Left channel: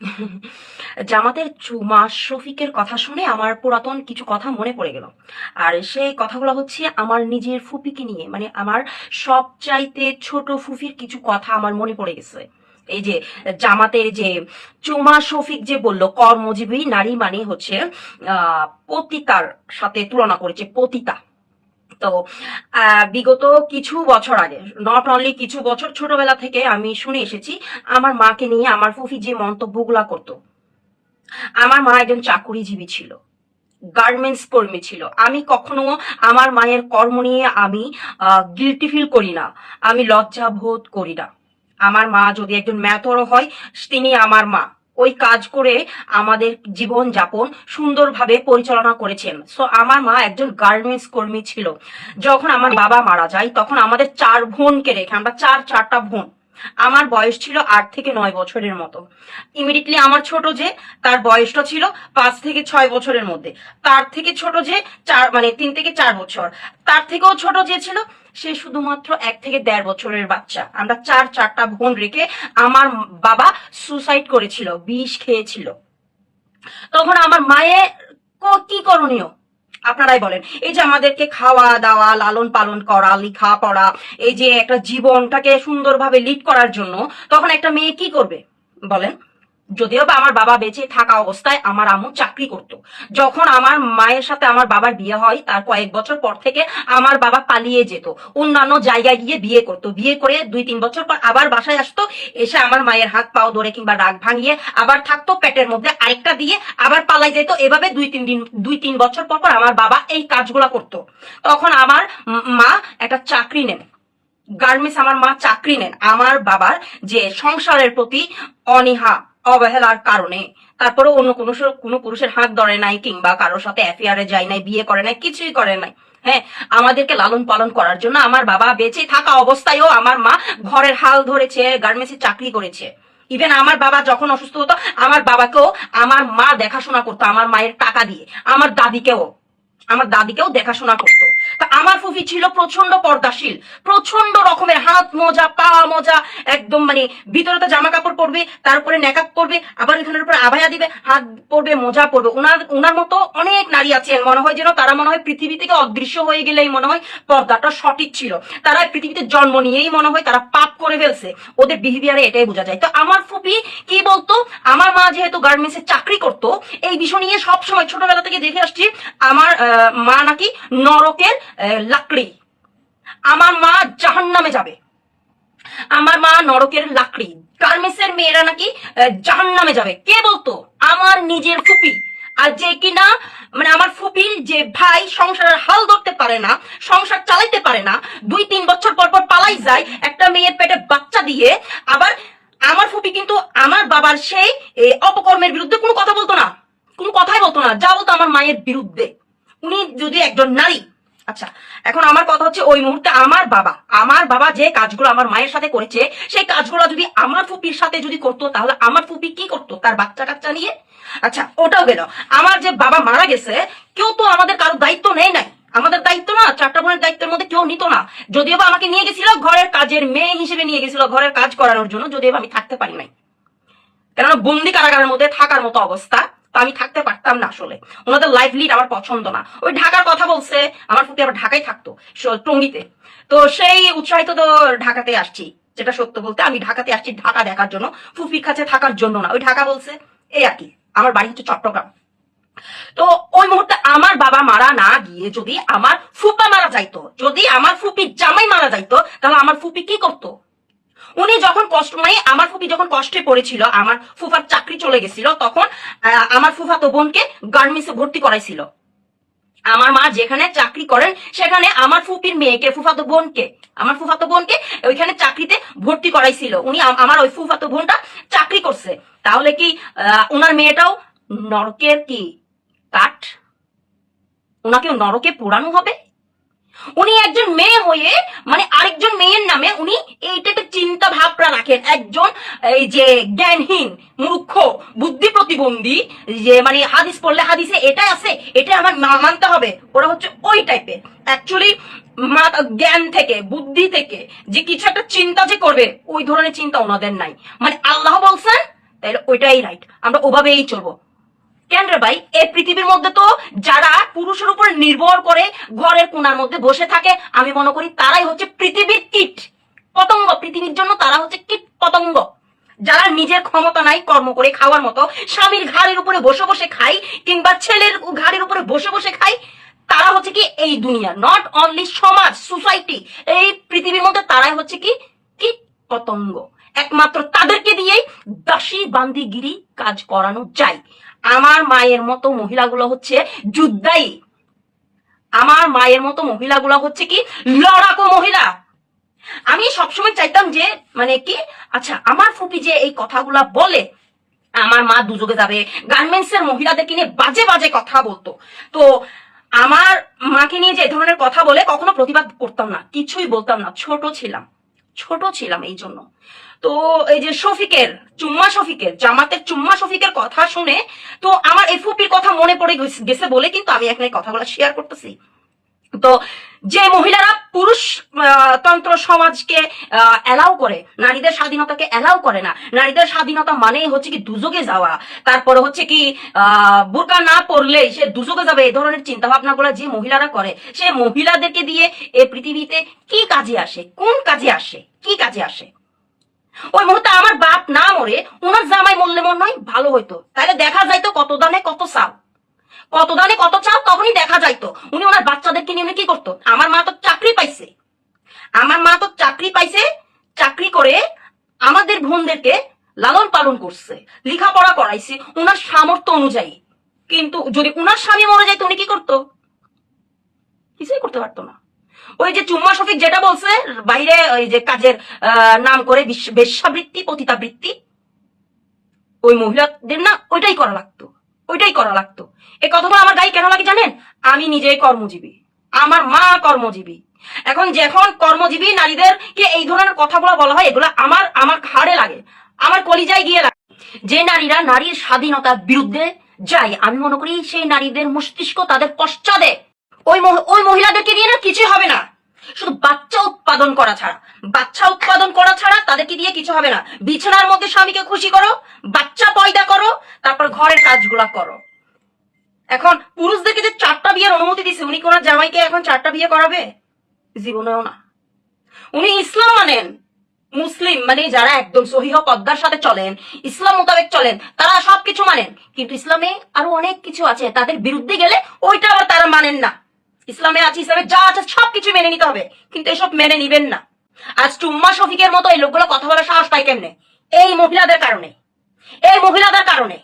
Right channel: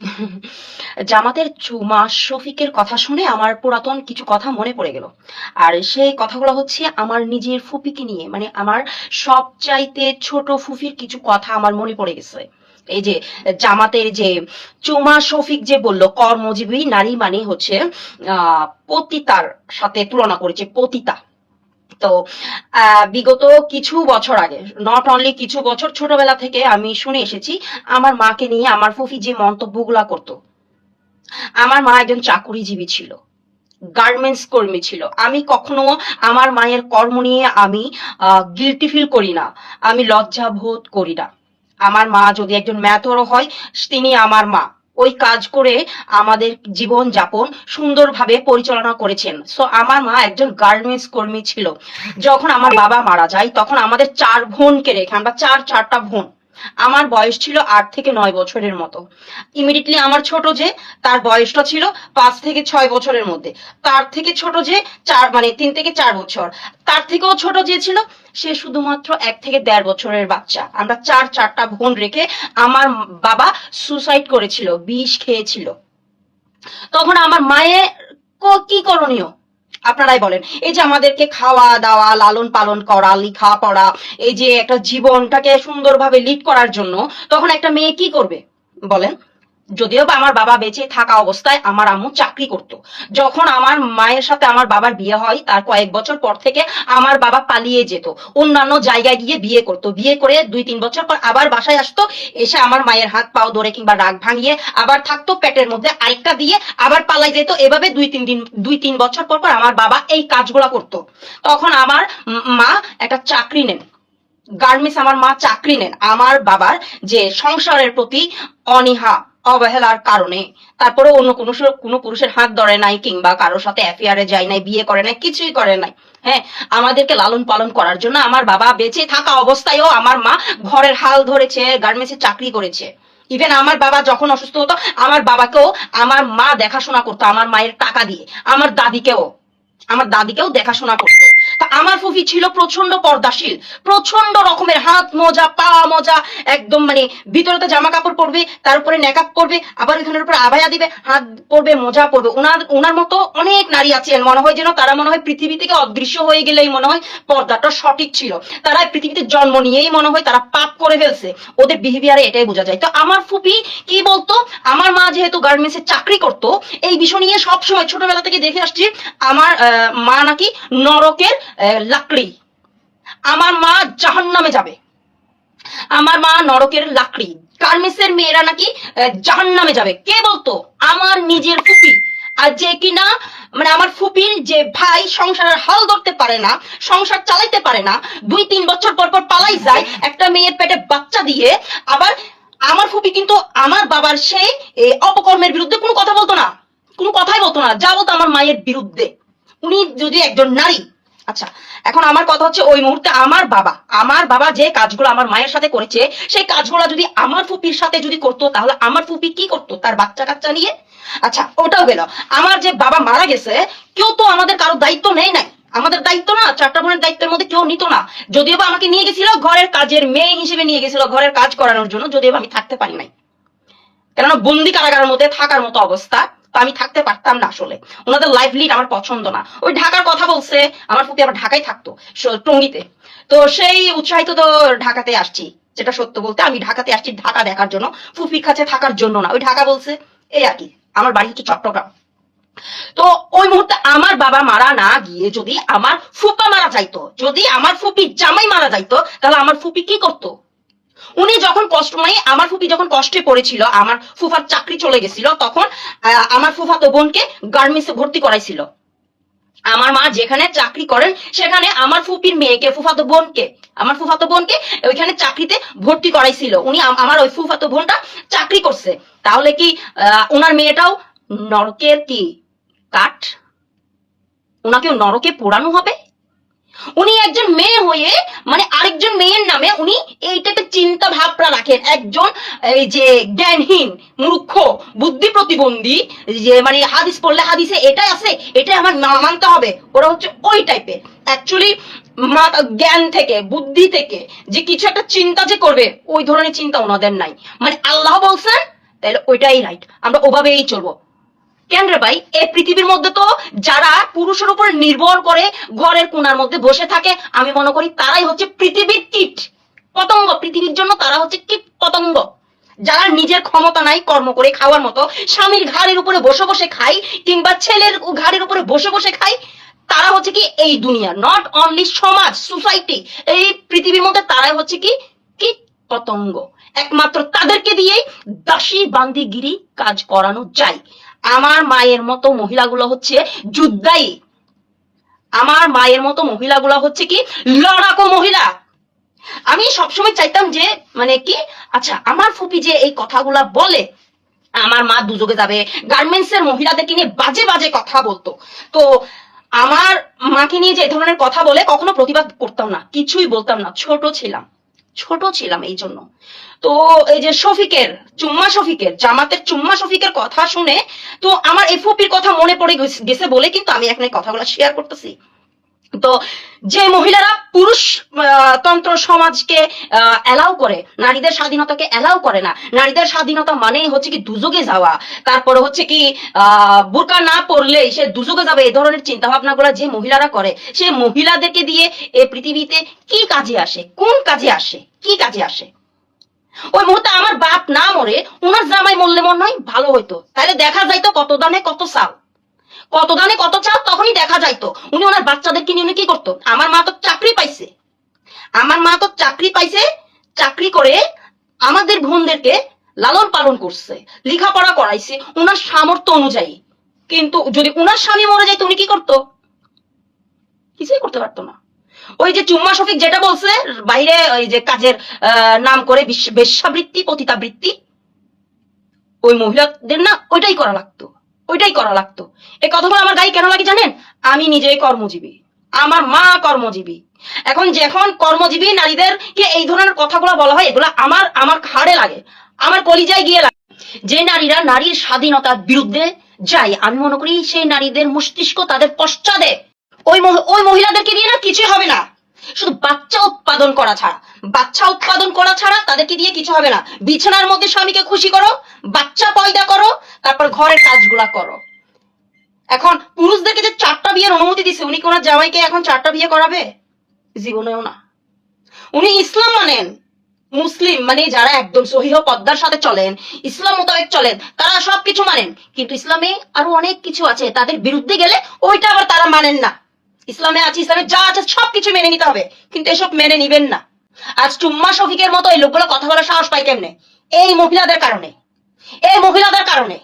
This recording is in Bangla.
জামাতের চুমা শফিকের কথা শুনে আমার পুরাতন কিছু কথা মনে পড়ে গেল। আর সেই কথাগুলো হচ্ছে আমার নিজের ফুপিকে নিয়ে মানে আমার সবচাইতে ছোট ফুফির কিছু কথা আমার মনে পড়ে গেছে। এই যে জামাতের যে চুমা শফিক যে বলল, কর্মজীবী নারী মানে হচ্ছে, আহ, পতিতার সাথে তুলনা করেছে, পতিতা। তো বিগত কিছু বছর আগে নট অনলি কিছু বছর, ছোটবেলা থেকে আমি শুনে এসেছি, আমার মাকে নিয়ে আমার ফুফি যে মন্তব্যগুলা করতো, আমার মা একজন চাকুরিজীবী ছিল গার্মেন্টস কর্মী ছিল। আমি কখনো আমার মায়ের কর্ম নিয়ে আমি গিলটি ফিল করি না, আমি লজ্জা বোধ করি না। আমার মা যদি একজন ম্যাথরও হয়, তিনি আমার মা। ওই কাজ করে আমাদের জীবন যাপন সুন্দরভাবে পরিচালনা করেছেন। সো আমার মা একজন গার্মেন্টস কর্মী ছিল। যখন আমার বাবা মারা যায়, তখন আমাদের চার বোনকে রেখে, আমরা চার চারটা বোন আমার বয়স ছিল আট থেকে নয় বছরের মতো। ইমিডিয়েটলি আমার ছোট যে, তার বয়সটা ছিল পাঁচ থেকে ছয় বছরের মধ্যে। তার থেকে ছোট যে, চার মানে তিন থেকে চার বছর। তার থেকেও ছোট যে ছিল, সে শুধুমাত্র এক থেকে দেড় বছরের বাচ্চা। আমরা চার, চারটা বোন রেখে আমার বাবা সুসাইড করেছিল, বিষ খেয়েছিল। তখন আমার মায়ের ক- কি করণীয়? আপনারাই বলেন। এই যে আমাদেরকে খাওয়া দাওয়া, লালন পালন করা লিখা পড়া এই যে একটা জীবনটাকে সুন্দরভাবে লিড করার জন্য, তখন একটা মেয়ে কি করবে? বলেন। যদিও বা আমার বাবা বেঁচে থাকা অবস্থায় আমার আম্মু চাকরি করত। যখন আমার মায়ের সাথে আমার বাবার বিয়ে হয়, তার কয়েক বছর পর থেকে আমার বাবা পালিয়ে যেত। অন্যান্য জায়গায় গিয়ে বিয়ে করত। বিয়ে করে দুই তিন বছর পর আবার বাসায় আসতো, এসে আমার মায়ের হাত পাও ধরে কিংবা রাগ ভাঙিয়ে আবার থাকতো, পেটের মধ্যে আরেকটা দিয়ে আবার পালাই যেত। এভাবে দুই তিন দিন, দুই তিন বছর পর পর আমার বাবা এই কাজগুলা করতো। তখন আমার মা একটা চাকরি নেন। গার্মেন্টস আমার মা চাকরি নেন। আমার বাবার যে সংসারের প্রতি অনীহা অবহেলার কারণে। তারপরে অন্য কোনো কোনো পুরুষের হাত ধরে নাই কিংবা কারোর সাথে অ্যাফেয়ারে যায় নাই, বিয়ে করে নাই, কিছুই করে নাই। হ্যাঁ আমাদেরকে লালন পালন করার জন্য আমার বাবা বেঁচে থাকা অবস্থায়ও আমার মা ঘরের হাল ধরেছে গার্মেন্টসে চাকরি করেছে। ইভেন আমার বাবা যখন অসুস্থ হতো, আমার বাবাকেও, আমার মা দেখাশোনা করতো, আমার মায়ের টাকা দিয়ে, আমার দাদিকেও আমার দাদিকেও দেখাশোনা করতো। তা আমার ফুফি ছিল প্রচণ্ড পর্দাশীল প্রচণ্ড রকমের হাত মোজা, পা মোজা, একদম মানে ভিতরে তো জামা কাপড় পরবে, তার উপরে নেকাপ পরবে, আবার এখানের উপরে আবায়া দিবে, হাত পরবে, মোজা পরবে। ওনার ওনার মতো অনেক নারী আছেন, মনে হয় যেন তারা মনে হয় পৃথিবী থেকে অদৃশ্য হয়ে গেলেই মনে হয় পর্দাটা সঠিক ছিল। তারা পৃথিবীতে জন্ম নিয়েই মনে হয় তারা পাপ করে ফেলছে। ওদের বিহেভিয়ারে এটাই বোঝা যায়। তো আমার ফুপি কি বলতো, আমার মা যেহেতু গার্মেন্টসে চাকরি করতো, এই বিষয় নিয়ে সবসময় ছোটবেলা থেকে দেখে আসছি, আমার মা নাকি নরকের লাকড়ি। আমার মা জাহান্নামে যাবে। আমার মা নরকের লাকড়ি। গার্মেন্টসের মেয়েরা নাকি জাহান নামে যাবে। কে বলতো? আমার নিজের ফুপি। আর যে কিনা মানে আমার ফুপির যে ভাই সংসারের হাল ধরতে পারে না, সংসার চালাইতে পারে না, দুই তিন বছর পর পর পালাই যায়, একটা মেয়ের পেটে বাচ্চা দিয়ে, আবার আমার ফুপি কিন্তু আমার বাবার সেই অপকর্মের বিরুদ্ধে কোনো কথা বলতো না। কোনো কথাই বলতো না। যা বলতো আমার মায়ের বিরুদ্ধে। উনি যদি একজন নারী আচ্ছা এখন আমার কথা হচ্ছে ওই মুহূর্তে আমার বাবা আমার বাবা যে কাজগুলো আমার মায়ের সাথে করেছে, সেই কাজগুলো যদি আমার ফুপির সাথে যদি করতো, তাহলে আমার ফুপি কি করতো তার বাচ্চা কাচ্চা নিয়ে? আচ্ছা ওটাও গেল। আমার যে বাবা মারা গেছে, কেউ তো আমাদের কারও দায়িত্ব নেই নাই। আমাদের দায়িত্ব না, চারটা বোনের দায়িত্বের মধ্যে কেউ নিত না। যদিও বা আমাকে নিয়ে গেছিল ঘরের কাজের মেয়ে হিসেবে নিয়ে গেছিল ঘরের কাজ করানোর জন্য, যদিও আমি থাকতে পারি নাই। কেননা বন্দি কারাগারের মধ্যে থাকার মতো অবস্থা। আমি থাকতে পারতাম না আসলে। ওনাদের লাইফ লিড আমার পছন্দ না। ওই ঢাকার কথা বলছে, আমার ফুপি আবার ঢাকায় থাকতো টঙ্গিতে। তো সেই উৎসাহিত তো ঢাকাতে আসছি, যেটা সত্য বলতে আমি ঢাকাতে আসছি ঢাকা দেখার জন্য ফুপির কাছে থাকার জন্য না। ওই ঢাকা বলছে, এই আর কি, আমার বাড়ি হচ্ছে চট্টগ্রাম। তো ওই মুহূর্তে আমার বাবা মারা না গিয়ে যদি আমার ফুপা মারা যাইতো, যদি আমার ফুপির জামাই মারা যাইতো, তাহলে আমার ফুপি কি করতো? উনি যখন কষ্ট মানে আমার ফুপি যখন কষ্টে পড়েছিল, আমার ফুফার চাকরি চলে গেছিল, তখন আমার ফুফা তো বোনকে গার্মেন্টসে ভর্তি করাইছিল। আমার মা যেখানে চাকরি করেন, সেখানে আমার ফুপির মেয়েকে ফুফাতো বোনকে, আমার ফুফাতো বোনকে ওইখানে চাকরিতে ভর্তি করাইছিল। উনি আমার ওই ফুফাতো বোনটা চাকরি করছে। তাহলে কি ওনার মেয়েটাও নরকের কি, কাঠ? ওনাকেও নরকে পোড়ানো হবে? উনি একজন মেয়ে হয়ে মানে আরেকজন মেয়ের নামে উনি এইটাতে চিন্তা ভাবনা রাখেন। একজন এই যে জ্ঞানহীন, মূর্খ, বুদ্ধি প্রতিবন্ধী, যে মানে হাদিস পড়লে হাদিসে এটাই আছে, এটাই আমার মানতে হবে। ওরা হচ্ছে ওই টাইপের অ্যাকচুয়ালি জ্ঞান থেকে, বুদ্ধি থেকে যে কিছু একটা চিন্তা যে করবে, ওই ধরনের চিন্তা ওনাদের নাই। মানে আল্লাহ বলছেন, তাহলে ওইটাই রাইট আমরা ওভাবেই চলবো। কেন রে ভাই এই পৃথিবীর মধ্যে তো যারা পুরুষের উপর নির্ভর করে ঘরের কোনার মধ্যে বসে থাকে, আমি মনে করি তারাই হচ্ছে পৃথিবীর কীট। পতঙ্গ, পৃথিবীর জন্য তারা হচ্ছে কীট পতঙ্গ। যারা নিজের ক্ষমতা নাই কর্ম করে খাওয়ার মতো, স্বামীর ঘাড়ের উপরে বসে বসে খাই, কিংবা ছেলের ঘাড়ের উপরে বসে বসে খাই, তারা হচ্ছে কি এই দুনিয়া নট অনলি সমাজ সোসাইটি এই পৃথিবীর মধ্যে তারাই হচ্ছে কি কীট পতঙ্গ। একমাত্র তাদেরকে দিয়েই দাসী বান্দিগিরি কাজ করানো যায়। আমার মায়ের মতো মহিলাগুলো হচ্ছে যুদ্ধাই আমার মায়ের মতো মহিলাগুলো হচ্ছে কি লড়াকো মহিলা। আমি সবসময় চাইতাম যে মানে কি আচ্ছা আমার ফুপি যে এই কথাগুলা বলে, আমার মা দুযোগে যাবে গার্মেন্টস এর মহিলাদেরকে নিয়ে বাজে বাজে কথা বলতো। তো আমার মাকে নিয়ে যে ধরনের কথা বলে কখনো প্রতিবাদ করতাম না, কিছুই বলতাম না। ছোট ছিলাম ছোট ছিলাম এই জন্য। তো এই যে শফিকের, চুম্মা শফিকের, জামাতের চুম্মা শফিকের কথা শুনে তো আমার এই ফুপির কথা মনে পড়ে গেছে- বলে কিন্তু আমি এখানে কথাগুলো শেয়ার করতেছি। তো যে মহিলারা পুরুষ তন্ত্র সমাজকে অ্যালাউ করে, নারীদের স্বাধীনতাকে অ্যালাউ করে না, নারীদের স্বাধীনতা মানেই হচ্ছে কি দুযোগে যাওয়া, তারপরে হচ্ছে কি বোরকা না পরলেই সে দুযোগে যাবে, এই ধরনের চিন্তা ভাবনাগুলো যে মহিলারা করে, সেই মহিলাদেরকে দিয়ে এ পৃথিবীতে কি কাজে আসে, কোন কাজে আসে, কি কাজে আসে? ওই মুহূর্তে আমার বাপ না মরে, উনার জামাই মরলে মনে হয় ভালো হইতো। তাহলে দেখা যাইতো কত দানে কত চাল। কত দানে কত চাল তখনই দেখা যাইতো। উনি ওনার বাচ্চাদেরকে নিয়ে উনি কি করতো? আমার মা তো চাকরি পাইছে। আমার মা তো চাকরি পাইছে, চাকরি করে আমাদের বোনদেরকে লালন পালন করছে, লেখাপড়া করাইছে, উনার সামর্থ্য অনুযায়ী। কিন্তু যদি উনার স্বামী মরে যাইতো, উনি কি করতো? কিছুই করতে পারতো না। ওই যে চুম্মা শফিক যেটা বলছে, বাইরে ওই যে কাজের নাম করে বিশ- বেশ্যাবৃত্তি, পতিতাবৃত্তি, ওই মহিলাদের না ওইটাই করা লাগতো, ওইটাই করা লাগতো। এই কথাটা আমার গায়ে কেন লাগে জানেন? আমি নিজেই কর্মজীবী, আমার মা কর্মজীবী। এখন যখন কর্মজীবী নারীদেরকে এই ধরনের কথাগুলো বলা হয়, এগুলো আমার আমার ঘাড়ে লাগে, আমার কলিজায় গিয়ে লাগে। যে নারীরা নারীর স্বাধীনতার বিরুদ্ধে যায়, আমি মনে করি সেই নারীদের মস্তিষ্ক তাদের পশ্চাদে ওই ওই মহিলাদেরকে দিয়ে না কিছু হবে না। শুধু বাচ্চা উৎপাদন করা ছাড়া। বাচ্চা উৎপাদন করা ছাড়া তাদেরকে দিয়ে কিছু হবে না। বিছানার মধ্যে স্বামীকে খুশি করো, বাচ্চা পয়দা করো, তারপর ঘরের কাজগুলা করো। এখন পুরুষদেরকে যে চারটা বিয়ের অনুমতি দিছে, উনি কি ওনার জামাইকে এখন চারটা বিয়ে করাবে? জীবনেও না। উনি ইসলাম মানেন। মুসলিম মানে যারা একদম সহিহ পদ্মার সাথে চলেন, ইসলাম মোতাবেক চলেন, তারা সবকিছু মানেন। কিন্তু ইসলামে আরও অনেক কিছু আছে, তাদের বিরুদ্ধে গেলে ওইটা আবার তারা মানেন না। ইসলামে আছে, ইসলামে যা আছে সবকিছু মেনে নিতে হবে। কিন্তু এসব মেনে নিবেন না। আজ টুম্মা শফিকের মতো এই লোকগুলো কথা বলার সাহস পায় কেমনে? এই মহিলাদের কারণে। এই মহিলাদের কারণে।